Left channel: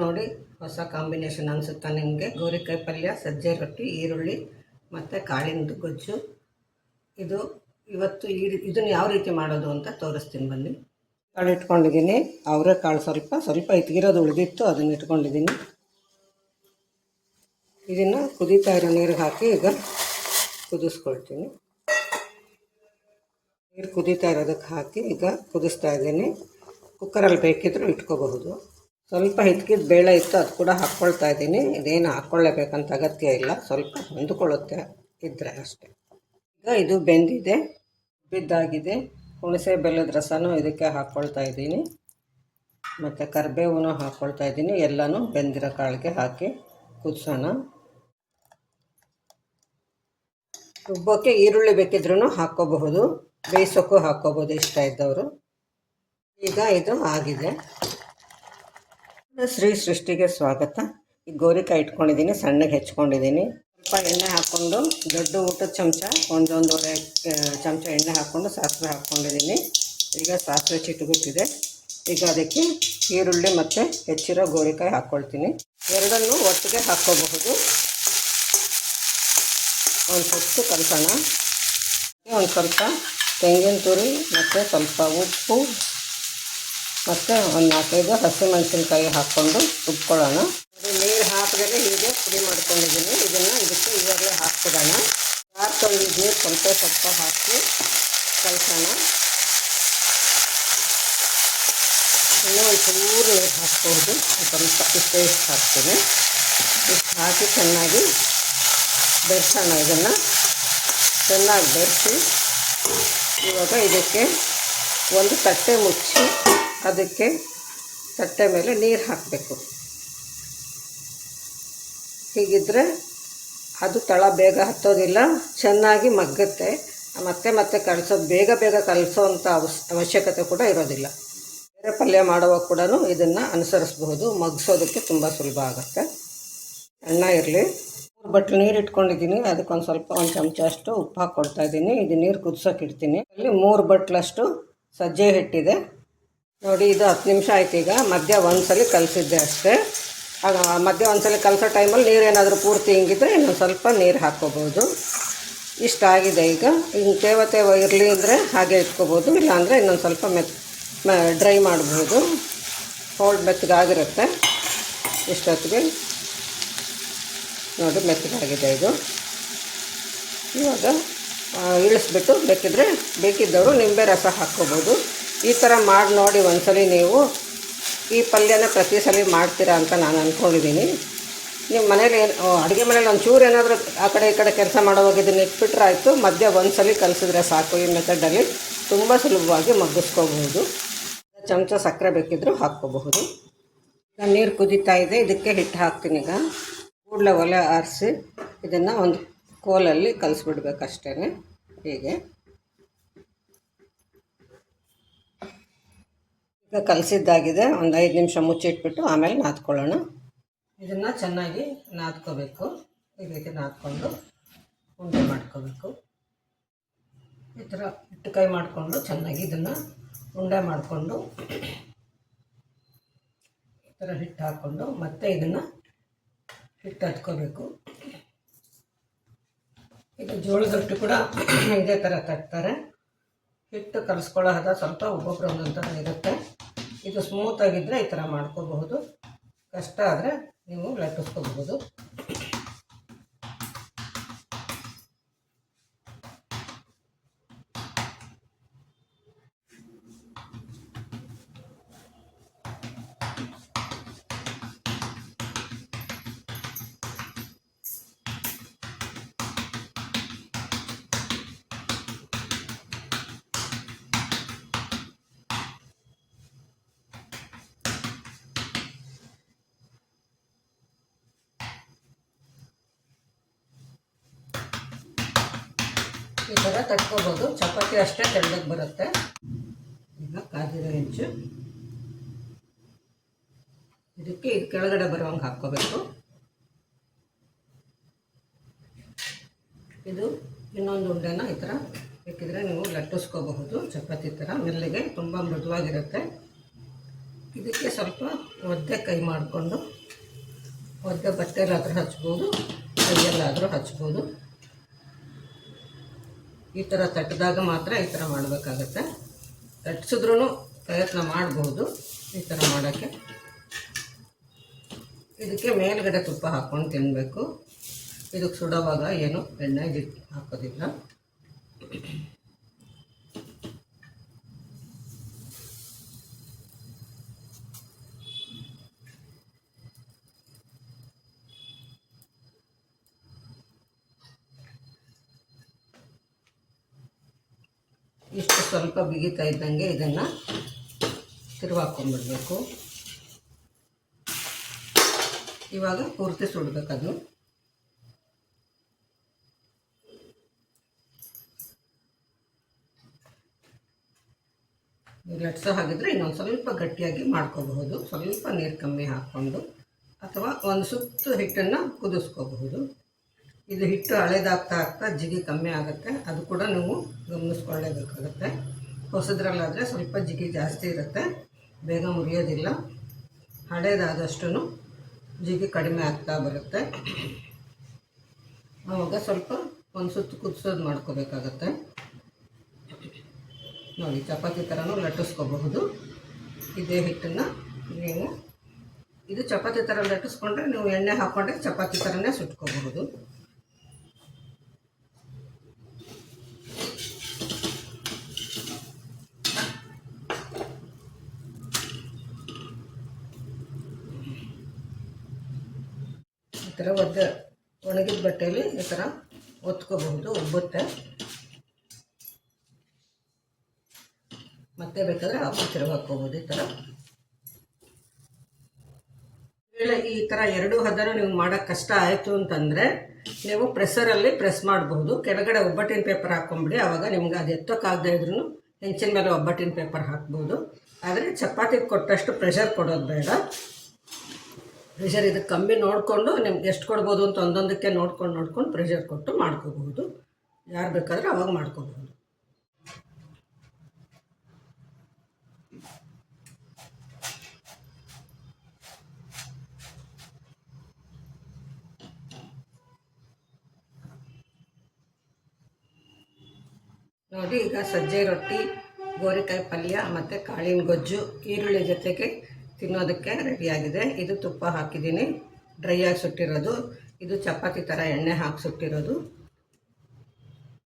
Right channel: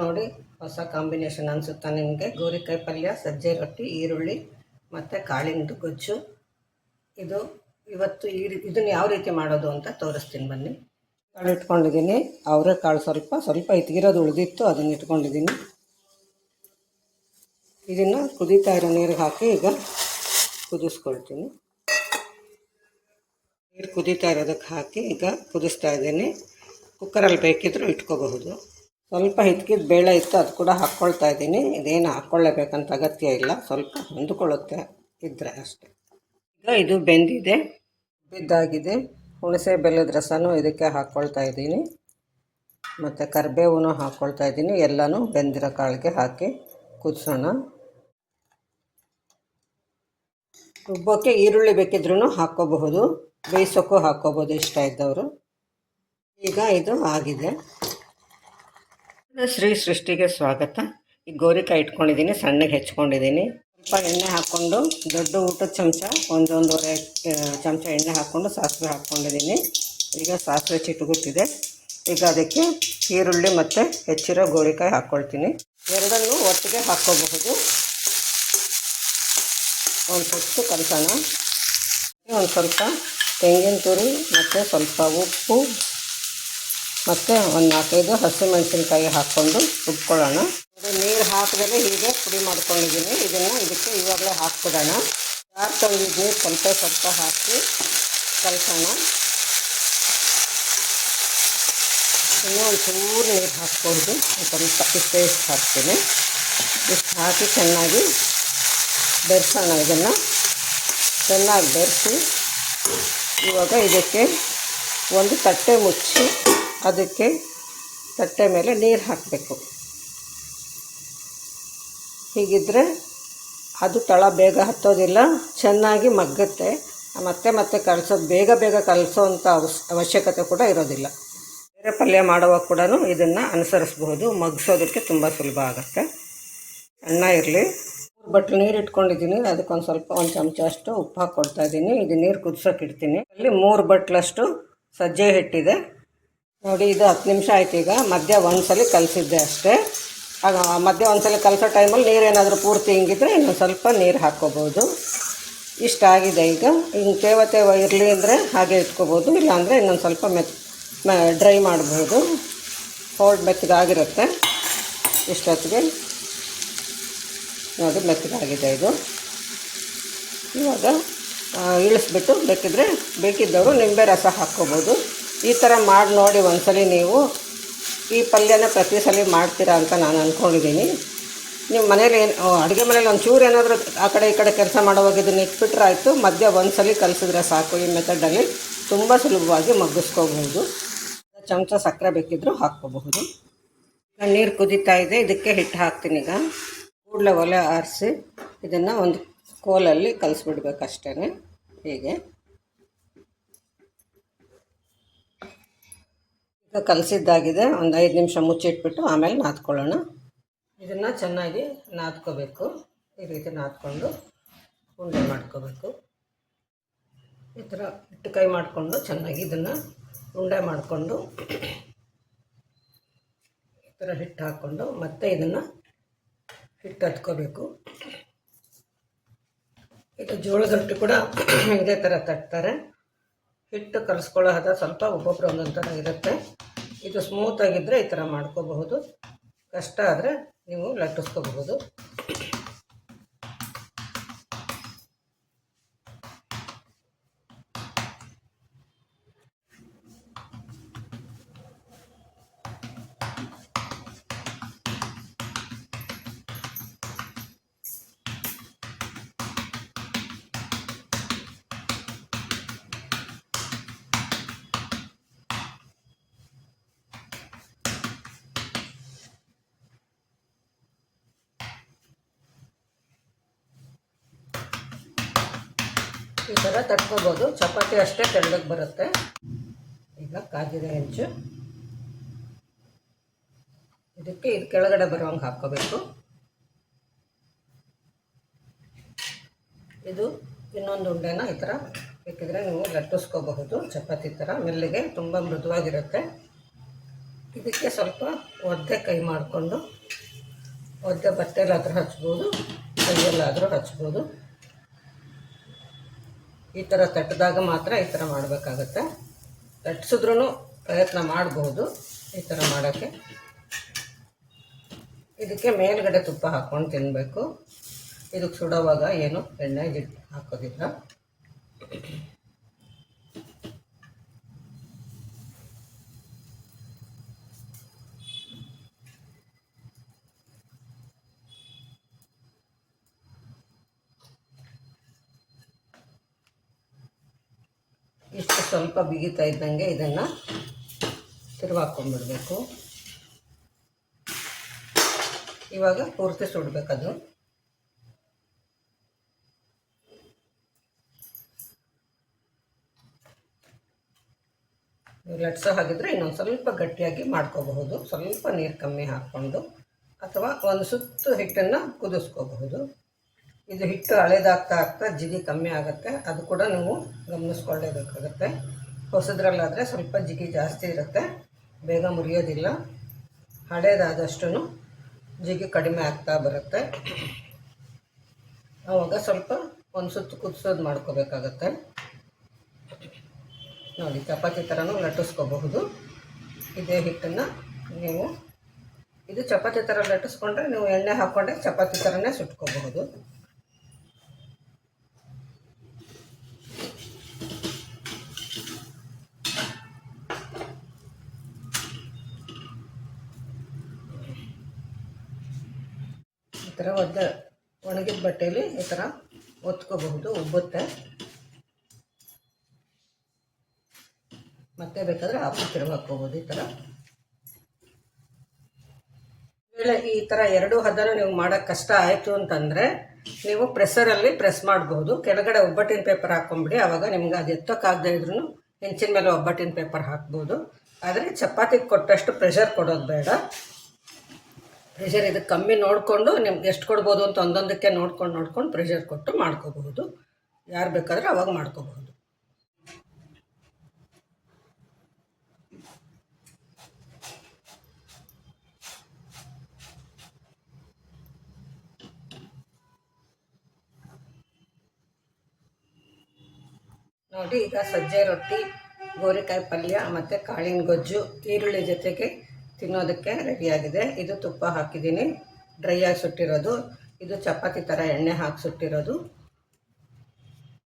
ನೋಡಿ, ಹೊಸ ಕಾಂಬಿನೇಷನ್ ಅನಿಸುತ್ತಾ ನಿಮಗೆ? ಗೋರಿಕಾಯಿ ಪಲ್ಯ, ಸಜ್ಜೆ ರೊಟ್ಟಿ, ಈರುಳ್ಳಿ, ಮತ್ತು ಕಾಳಿಂದು ಗೊಜ್ಜು. ಇದು ಇವತ್ತು ಈ ಇದನ್ನು ಯಾವ ರೀತಿ ಮಾಡೋದು ಅಂತ ತೋರಿಸ್ತೀನಿ ಬನ್ನಿ. ಕಾಳು ಇಟ್ಕೊಂಡಿದ್ದೀನಿ. ಅವರೆಕಾಳು ಸ್ವಲ್ಪ ಸ್ವಲ್ಪ ಇತ್ತಿಗಿರೋದು ಉಳಿದಿತ್ತು, ಅದನ್ನು ಇಟ್ಕೊಂಡಿದ್ದೀನಿ. ಇದನ್ನು ಕುದೀತಾ ಇರೋ ನೀರಿಗೆ ಹಾಕಿ ಈಗ ಕುದಿಸ್ಕೊಳ್ತೀನಿ. ನೀರು ಕುದೀತಾ ಇರೋದಕ್ಕೆ ಹಾಕಿ ಈಗ ಕುದಿಸ್ತಾ ಇದ್ದೀನಿ. ಕುಕ್ಕರಲ್ಲಿ ಬೇಕಿದ್ದರೂ ಇಟ್ಕೋಬಹುದು. ಸ್ವಲ್ಪ ಹಿತ್ಕಿದ ಬೇಳೆ ಇತ್ತು, ಅದು ಕೂಡ ಹಾಕ್ಕೊಳ್ತಾ ಇದ್ದೀನಿ. ಇದೇನು ಹಾಕ್ಕೊಳ್ಳೇಬೇಕಂತ ಅಗತ್ಯ ಇಲ್ಲ. ಸ್ವಲ್ಪ ಹೊಂದ್ಕೊಳ್ಳುತ್ತೆ ಇದ್ದರೆ ಅಷ್ಟೇ. ಈಗ ಇದು ಬೆಂದಿದೆ ಬಿದ್ದಾಗಿದೆ ಹುಣಸೆ ಬೆಲ್ಲದ ರಸನೂ ಇದಕ್ಕೆ ಹಾಕ್ಕೊಳ್ತಾ ಇದ್ದೀನಿ. ಮತ್ತು ಕರಿಬೇವು ಹಾಕ್ಕೊಳ್ತಾ ಇದ್ದೀನಿ. ಎಲ್ಲನೂ ಬೆಂದಿರೋ ಕಾಳಿಗೆ ಹಾಕಿ ಕುದಿಸೋಣ. ರುಬ್ಬೋಕ್ಕೆ ಈರುಳ್ಳಿ ಬೇಕಿದ್ರೂ ಹಾಕ್ಕೋಬಹುದು ಬೇಯಿಸೋಕ್ಕೂ ಹಾಕ್ಕೋಬೋದು ಇಷ್ಟ ಇದ್ದವರು. ಈಗ ಇದು ಆಗಿದೆ. ಶ್ರೀ ಸೃಷ್ಟಿಗೆ ಸ್ವಾಗತ. ಈ ಗೋರಿಕಾಯಿ ಇಟ್ಕೊಂಡಿದ್ದೀನಿ, ಸಣ್ಣಗೆ ಹೆಚ್ಕೊಂಡಿದ್ದೀನಿ. ಸ್ವಲ್ಪ ಎಣ್ಣೆ ಹಾಕ್ಕೊಂಡು, ದೊಡ್ಡ ಊಟದ ಚಮಚ, ಒಂದೊಂದೂವರೆ ಚಮಚ ಎಣ್ಣೆ ಹಾಕ್ಕೊಂಡು ಸಾಸಿವೆ ಹಾಕ್ಕೊಂಡಿದ್ದೀನಿ. ಈಗ ಸಾಸಿವೆ ಚಿಟುಗುಟ್ಟಿದೆ ಈಗ ಅದಕ್ಕೆ ಈರುಳ್ಳಿ ಮತ್ತು ಹೆಚ್ಚಿರೋ ಗೋರಿಕಾಯಿ ಹಾಕ್ಕೊಳ್ತೀನಿ. ಎರಡನ್ನೂ ಒಟ್ಟಿಗೆ ಹಾಕ್ಕೋಬಹುದು. ಒಂದು ಹೊತ್ತು ಕಲಸೋಣ. ಒಂದು ಸ್ವಲ್ಪ ತೆಂಗಿನ ತುರಿ ಮತ್ತು ಸ್ವಲ್ಪ ಉಪ್ಪು ಮತ್ತು ಒಂದು ನಾಲ್ಕೈದು ಹಸಿಮೆಣಸಿನ್ಕಾಯಿ ಹಾಕ್ಕೊಂಡು ರುಬ್ಕೊಳ್ಳೋಣ. ನೀರು ಹಾಕಿದ್ರೆ ಹೀಗೆ ಪುಡಿ ಮಾಡ್ಕೊಂಡಿದ್ದೀನಿ. ಇದನ್ನು ಇದಕ್ಕೆ ಇವಾಗಲೇ ಹಾಕ್ಬಿಡೋಣ. ಯಾರು ನೀರು ಸ್ವಲ್ಪ ಸ್ವಲ್ಪ ಹಾಕಿ ಕಲಸೋಣ. ಇನ್ನೂ ಒಂದು ಚೂರು ನೀರು ಹಾಕ್ಬೋದು. ಸ್ವಲ್ಪ ಇಷ್ಟೇ ಇಷ್ಟು ಹಾಕ್ತೀನಿ. ಇಷ್ಟು ಹಾಕಿ ಚೆನ್ನಾಗಿ ಬೆರೆಸೋಣ ಇದನ್ನು. ಚೆನ್ನಾಗಿ ಬೆರೆಸಿ ಇವಾಗ ಇದಕ್ಕೆ ಒಂದು ತಟ್ಟೆ ಮುಚ್ಚಿ ಅದಕ್ಕೆ ತಟ್ಟೆ ಮೇಲೆ ನೀರು ಹಾಕಬೇಕು. ಹೀಗಿದ್ದರೆ ಅದು ತಳ ಬೇಗ ಹತ್ತೋದಿಲ್ಲ, ಚೆನ್ನಾಗಿ ಮಗ್ಗುತ್ತೆ. ಮತ್ತೆ ಮತ್ತೆ ಕಲಸೋದು, ಬೇಗ ಬೇಗ ಕಲಸೋವಂಥ ಅವಸ್, ಅವಶ್ಯಕತೆ ಕೂಡ ಇರೋದಿಲ್ಲ. ಬೇರೆ ಪಲ್ಯ ಮಾಡುವಾಗ ಕೂಡ ಇದನ್ನು ಅನುಸರಿಸಬಹುದು. ಮಗ್ಸೋದಕ್ಕೆ ತುಂಬ ಸುಲಭ ಆಗುತ್ತೆ. ಅಣ್ಣ ಇರಲಿ. ಮೂರು ಬಟ್ಲು ನೀರು ಇಟ್ಕೊಂಡಿದ್ದೀನಿ. ಅದಕ್ಕೊಂದು ಸ್ವಲ್ಪ ಒಂದು ಚಮಚ ಅಷ್ಟು ಉಪ್ಪು ಹಾಕ್ಕೊಳ್ತಾ ಇದ್ದೀನಿ. ಇದು ನೀರು ಕುದಿಸೋಕೆ ಇಡ್ತೀನಿ. ಅಲ್ಲಿ ಮೂರು ಬಟ್ಲಷ್ಟು ಸಜ್ಜೆ ಹಿಟ್ಟಿದೆ. ನೋಡಿ, ಇದು ಹತ್ತು ನಿಮಿಷ ಆಯ್ತು ಈಗ. ಮಧ್ಯ ಒಂದ್ಸಲಿ ಕಲಸಿದ್ದೆ ಅಷ್ಟೇ. ಆಗ ಮಧ್ಯ ಒಂದ್ಸಲ ಕಲಸೋ ಟೈಮಲ್ಲಿ ನೀರೇನಾದರೂ ಪೂರ್ತಿ ಹಿಂಗಿದ್ರೆ ಇನ್ನೊಂದು ಸ್ವಲ್ಪ ನೀರು ಹಾಕ್ಕೋಬೋದು. ಇಷ್ಟ ಆಗಿದೆ ಈಗ. ಇನ್ನು ತೇವ ತೇವ ಇರಲಿ ಅಂದರೆ ಹಾಗೆ ಇಟ್ಕೋಬೋದು. ಇಲ್ಲಾಂದರೆ ಇನ್ನೊಂದು ಸ್ವಲ್ಪ ಮೆತ್ ಡ್ರೈ ಮಾಡ್ಬೋದು. ಹೋಲ್ಡ್ ಮೆತ್ತಗಾಗಿರುತ್ತೆ. ಇಷ್ಟೊತ್ತಿಗೆ. ನೋಡಿ, ಮೆತ್ತಗಾಗಿದೆ ಇದು. ಇವಾಗ ಇಳಿಸ್ಬಿಟ್ಟು ಬೇಕಿದ್ರೆ ಬೇಕಿದ್ದವರು ನಿಂಬೆ ರಸ ಹಾಕ್ಕೋಬೋದು. ಈ ಥರ ಮಾಡಿ ನೋಡಿ ಒಂದ್ಸಲಿ ನೀವು ಈ ಪಲ್ಯನ ಪ್ರತಿ ಸಲ ಮಾಡ್ತೀರಾ ಅಂತ ನಾನು ಅಂದ್ಕೊಂಡಿದ್ದೀನಿ ನೀವು ಮನೇಲಿ ಏನು ಅಡುಗೆ ಮನೇಲಿ ಒಂದು ಚೂರು ಏನಾದರೂ ಆ ಕಡೆ ಈ ಕಡೆ ಕೆಲಸ ಮಾಡುವಾಗ ಇದನ್ನು ಇಟ್ಬಿಟ್ರೆ ಆಯಿತು. ಮಧ್ಯ ಒಂದ್ಸಲಿ ಕಲಿಸಿದ್ರೆ ಸಾಕು. ಈ ಮೆಥಡಲ್ಲಿ ತುಂಬ ಸುಲಭವಾಗಿ ಮಗ್ಗಿಸ್ಕೋಬಹುದು. ಚಮಚ ಸಕ್ಕರೆ ಬೇಕಿದ್ದರೂ ಹಾಕ್ಕೋಬಹುದು. ಈಗ ನೀರು ಕುದೀತಾ ಇದೆ. ಇದಕ್ಕೆ ಹಿಟ್ಟು ಹಾಕ್ತೀನಿ ಈಗ. ಕೂಡಲೇ ಒಲೆ ಆರಿಸಿ ಇದನ್ನು ಒಂದು ಕೋಲಲ್ಲಿ ಕಲಿಸ್ಬಿಡ್ಬೇಕಷ್ಟೇ ಹೀಗೆ. ಕಲಸಿದ್ದಾಗಿದೆ. ಒಂದು ಐದು ನಿಮಿಷ ಮುಚ್ಚಿಟ್ಬಿಟ್ಟು ಆಮೇಲೆ ನಾದ್ಕೊಳ್ಳೋಣ. ಇದನ್ನು ಚೆನ್ನಾಗಿ ನಾದ್ಕೋಬೇಕು. ಈ ರೀತಿ ನಾದ್ಕೊಂಡು ಉಂಡೆ ಮಾಡ್ಕೋಬೇಕು. ಈ ಥರ ಹಿಟ್ಟು ಕೈ ಮಾಡಿಕೊಂಡು ಚೆನ್ನಾಗಿ ಇದನ್ನು ಉಂಡೆ ಮಾಡಿಕೊಂಡು ಈ ಥರ ಹಿಟ್ಟು ಹಾಕ್ಕೊಂಡು ಮತ್ತೆ ಇದನ್ನು ಹಿಟ್ಟು ಹತ್ಕೋಬೇಕು ಇದು ಜೋಳದ ರೊಟ್ಟಿ ಕೂಡ ಇದೇ ಥರ ತಟ್ತಾರೆ. ಹಿಟ್ಟು ಕಲಿಸ್ಕೊಳ್ಳೋ ಸ್ವಲ್ಪ ಒಬ್ಬೊಬ್ರು ಒಂದೊಂದು ಥರ ಇರುತ್ತೆ. ಇದು ಸ್ಮೂತಾಗಿದ್ದರೆ ಈ ಥರ ಮಾಡ್ಕೋಬಹುದು. ಕಷ್ಟ ಆದರೆ ನೀವು ಲಟ್ಟಿಸ್ಕೋಬಹುದು. ಈ ಥರ ತಟ್ಕೋಬೋದು. ಚಪಾತಿ ಅಷ್ಟೇ ತೆಳ್ಳಗೆ ಬರುತ್ತೆ. ಈಗ ಕಾದಿರೋ ಹೆಂಚು. ಇದಕ್ಕೆ ಇದು ಕೆಳಗಡೆ ಬರುವಂಗೆ ಹಾಕ್ಕೋಬೇಕು. ಇದು ಇನ್ನೊಂದು ಉಂಡೆನ ಈ ಥರ ಬೇಕಿದ್ರೆ ನೀವು ಲಟ್ಟಿಸ್ಕೋಬಹುದು. ಚಪಾತಿ ಥರ ಮೆಲ್ಲಿಗೆ ತುಂಬ ಮೃದುವಾಗಿರುತ್ತೆ. ಇದಕ್ಕೆ ಸ್ವಲ್ಪ ಒದ್ದೆ ಕೈ ಮಾಡಿಕೊಂಡು, ಒದ್ದೆ ಬಟ್ಟೆಲಾದರೂ ಹಚ್ಬೋದು, ಕೈಯಲ್ಲಾದರೂ ಹಚ್ಬೋದು. ಈ ಥರ ತಟ್ಟಿದಾಗ ಮಾತ್ರ ಈ ಥರ ಮಾಡಬೇಕಾಗತ್ತೆ. ತಟ್ಟಿಸಿದ್ರೂ ಪ್ರಯತ್ನ ಮಾಡಬಹುದು ಈ ಥರ ಮಾಡೋಕ್ಕೆ. ಇದಕ್ಕೆ ಮೇಲ್ಗಡೆ ತುಪ್ಪ ಹಾಕ್ಕೊಂಡು ತಿನ್ನಬೇಕು ಇದಕ್ಕೆ ಸುಡೋವಾಗ ಏನು ಎಣ್ಣೆ ಹಾಕೋದಿಲ್ಲ. ಇಷ್ಟು ಸ್ವಲ್ಪ ಬಿಗಿತಾ ಇದ್ದಂಗೆ ಇದನ್ನು ತಿರುವಾಕೊಂಡ್ಬಿಡ್ಬೇಕು ಇವಾಗ ಪೂರ್ತಿ ಸುಡಬೇಕದು. ಲಟ್ಸೋ ಹಾಗಿದ್ರೆ ಇನ್ನೊಂದು ಸ್ವಲ್ಪ ಗಟ್ಟಿಯಾಗಿ ಮಾಡ್ಕೋಬಹುದು. ಸ್ವಲ್ಪ ನೀರು ಕಮ್ಮಿ ಹಾಕ್ಕೊಂಡು ಅಥವಾ ಒಂದು ಸುತ್ತು ಹಿಟ್ಟನ್ನು ಕುದಿಸ್ಕೋಬಹುದು. ಇದು ಹಿಟ್ಟು ಹಳೇದಾಗ್ತಾ ಆಗ್ತಾ ಜಿಗಿ ಕಮ್ಮಿ ಆಗುತ್ತೆ. ಅದು ಕೂಡ ನೀವು ಗಮನಿಸ್ಕೊಳ್ಳೇಬೇಕಾಗತ್ತೆ. ಹೊಸದ್ರಲ್ಲಾದರೆ ಸ್ವಲ್ಪ ಜಿಗಿ ಜಾಸ್ತಿ ಇರುತ್ತೆ. ಬೇಗ ಮುರಿಯೋದಿಲ್ಲ. ಹಳೇದಾದಷ್ಟು ಜಿಗಿ ಕಡಿಮೆ ಆಗ್ತಾ ಬರುತ್ತೆ. ಆವಾಗ ಸ್ವಲ್ಪ ಒಂದು ಸುತ್ತು ಕುದಿಸೋದು ಮಾಡ್ಕೋಬೇಕಾಗತ್ತೆ. ನೋಡಿ, ಚಪಾತಿ ಥರನೂ ಲಟ್ಟಿಸ್ಕೋಬಹುದು. ಇದೇ ಹಿಟ್ಟನ್ನು ನೀವು ಇದು ಚಪಾತಿ ಥರ ಲಟ್ಟಿಸ್ಕೊಂಡ್ರೆ ನೀವು ಎಣ್ಣೆ ಹಾಕ್ಕೊಂಡ್ರೆ ಚಪಾತಿ ಥರನೇ ಸುಟ್ಕೋಬಹುದು. ಥರ ಒದ್ದ ಒಣಗಿದ ಬಟ್ಟೆಯಲ್ಲಿ ಈ ಥರ ಒತ್ಕೋಬಹುದು ಉಬ್ಬುತ್ತೆ ಮತ್ತೆ ಬೇಕಾದರೆ ಆಫ್ ತಿರುಗಿ ಹಾಕ್ಕೋಬೋದು ಈ ಥರ ಈ ಥರ ಎರಡು ಹದನ ನೀವು ಮಾಡೋಕ್ಕೆ ಕಷ್ಟ ಆಯಿತು ಅಂತಂದರೆ ನೀವು ಪ್ರೆಸರಲ್ಲಿ ಪ್ರೆಸ್ ಮಾಡ್ಬೋದು. ಕೆಳಗಡೆ ಒಬ್ಬಟ್ಟಿನ ಪೇಪರ್ ಹಾಕ್ಕೊಂಬಿಡಿ ಆವಾಗ ನಿಮ್ಗೆ ಅದು ಎತ್ತೋಕ್ಕಾಗದೇ ಇದ್ರೂ ಹೆಂಚಿನ ಮೇಲೆ ಒಬ್ಬಟ್ಟಿನ ಪೇಪರ್ ಹಾಕ್ಬೋದು. ಆದರೆ ಚಪಾತಿಗೆ ಕೊಟ್ಟಷ್ಟು ಪ್ರೆಷರ್ ಕೊಡೋದು ಬೇಡ. ಪ್ರೆಷರ್ ಇದಕ್ಕೆ ಕಮ್ಮಿ ನೋಡಿಕೊಂಡು ನಿಮ್ಗೆ ಎಷ್ಟು ಕೊಡ್ಬೋದು ಅಂತ ಒಂದೊಂದಕ್ಕೆ ನೋಡ್ಕೊಂಡು ನೋಡ್ಕೊಂಡು ಪ್ರೆಷರ್ ಕೊಟ್ಟು ಮಾಡ್ಕೋಬಹುದು. ಯಾರು ಬೇಕಾದ್ರೆ ಅವಾಗ ಮಾಡ್ಕೋಬಹುದು. ನೋಡಿ, ಈಗ ಸಜ್ಜೆ ರೊಟ್ಟಿ, ಗೋರಿಕಾಯಿ ಪಲ್ಯ, ಮತ್ತು ಕಾಳಿನ ಗೊಜ್ಜು, ಈರುಳ್ಳಿ ಜೊತೆಗೆ ತಿನ್ನೋದಕ್ಕೆ ರೆಡಿಯಾಗಿದೆ ಇದು ತುಪ್ಪ ಹಾಕಿದ್ದೀನಿ. ಡ್ರೈ ಆಗಿ ಸುಟ್ಟಿರೋದು. ಇದು ಚಪಾತಿ ಥರ ಎಣ್ಣೆ ಹಾಕಿ ಸುಟ್ಟಿರೋದು.